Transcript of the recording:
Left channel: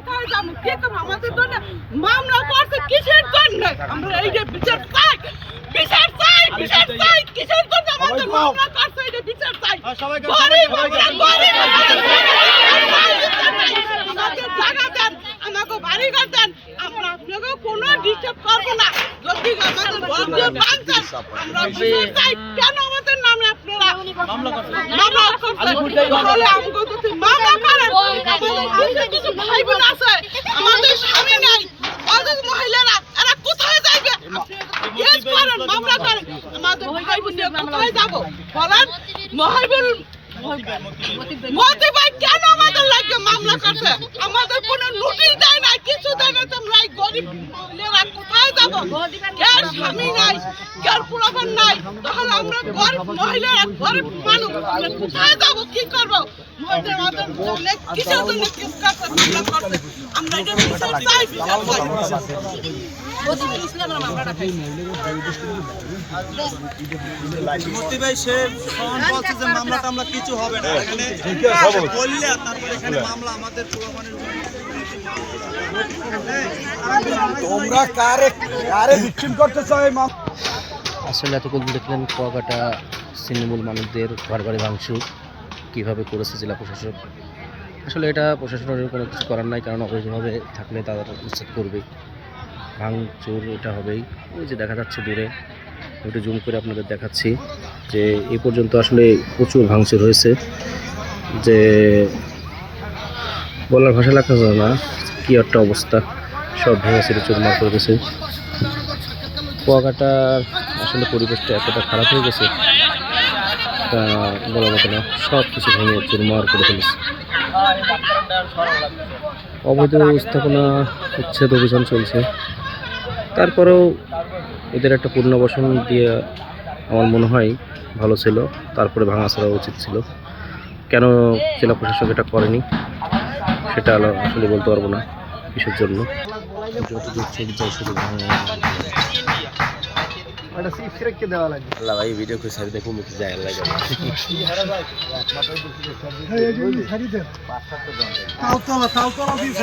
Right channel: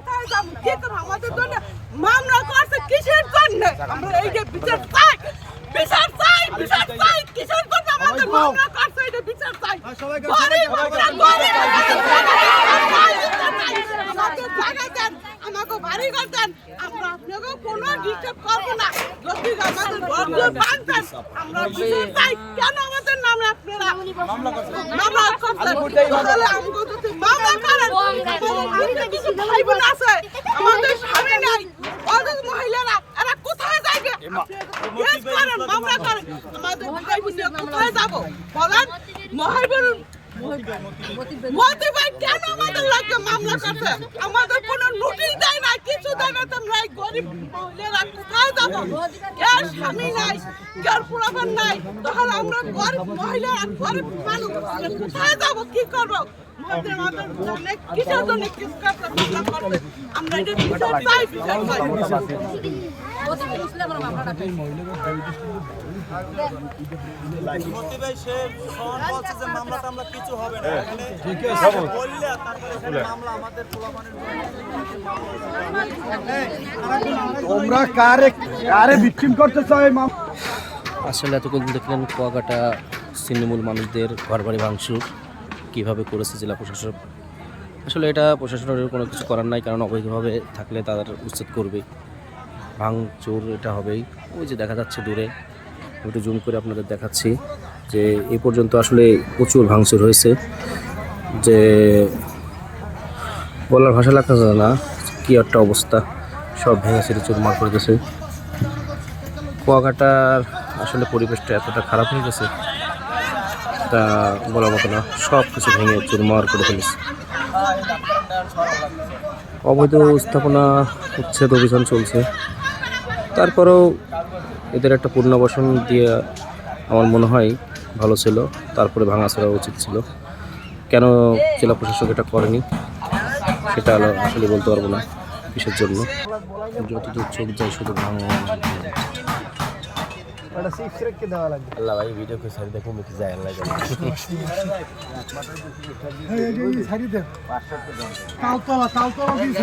কোথায় যাবো কি করবো আমাদের জন্য মামলা করছে কিসের জন্য আমরা এই যে বিচার চাই কিসের জন্য আমাদের মামলা করছে এই যে বিচার চাই গরিব আমরা গরিব আমাদের জায়গা দেন আমাকে বাড়ি ঘর দেন আমরা আপনাকে কোনো ডিস্টার্ব করবো না যদি আমাদের বন্ধু বাঁধেন আমরা বিচার চাই কেন আমাদের নামে আপনারা মামলা করছেন তাহলে আমাকে যদি মামলা করেন আমাদের কিছু ভাই বোন আছে আমাদের স্বামী নাই ওদের মহিলারা এরা কোথায় যাইবে কেস করেন মামলা করেন আমাদের ভাই বোন কোথায় যাবো বলেন মহিবুল মতি ভাই কেন আমাদের লাগে মামলা করছে আমাদের কোনো নোটিশ দেয় না কিছু দেয় না তোমরা এই গরিব মহিলারা কোথায় যাবো এর স্বামী নাই এর পোলাপান নাই তাহলে আমরা গরিব মহিলারা গরিব মানুষ আমরা কোথায় যাবো কি করবো আমাদের জন্য কিসের জন্য কেস করছে মামলা করছে আমরা এটা বিচার চাই মতি ভাই সে বলছে যে মামলা টামলা কিছু হবে না এখানে বললে এখানে মামলা আমাদের তোমরা কারে ভিকটিম করতেছ এই আসলে এতক্ষণ দেখলেন কুয়াকাটা ছিন্নমূল মানুষদের ঘরবাড়ি ভাঙচুর কীভাবে করেছে জেলা প্রশাসক। আসলে এটা প্রশাসনের কোনো কিছু করার নাই, কারণ অবৈধভাবে থাকলে তাদের উচ্ছেদ করবেই, ভাঙচুর এটা হবেই। ওই যে দেখা যাচ্ছে দূরে, ওটা জুম করে আপনাদের দেখাচ্ছি যে এই পর্যন্ত আসলে প্রচুর ভাঙচুর হয়েছে, যে বলার ভাষা লাগতেছে না কী একটা অবস্থা, সব ভেঙে ছেড়ে চুরমার করে গেছে। কুয়াকাটার আসলে পরিবেশটা এতটা খারাপ হয়ে গেছে তা বলার মতো না, সব কিছু ভেঙে চুরমার করে ফেলেছে। অবৈধ স্থাপনা উচ্ছেদ অভিযান চলছে, তারপরেও এদের একটা পুনর্বাসন দিয়ে আমার মনে হয় ভালো ছিল, তারপরে ভাঙাচোরা উচিত ছিল। কেন জেলা প্রশাসক এটা করেনি সেটা আসলে বলতে পারবো না কিসের জন্য। যতদূর চোখ যায় শুধু ভাঙা আল্লাহ ভাই ভিডিও করে সারি দেখুন যায় আল্লাহ তাও দিয়ে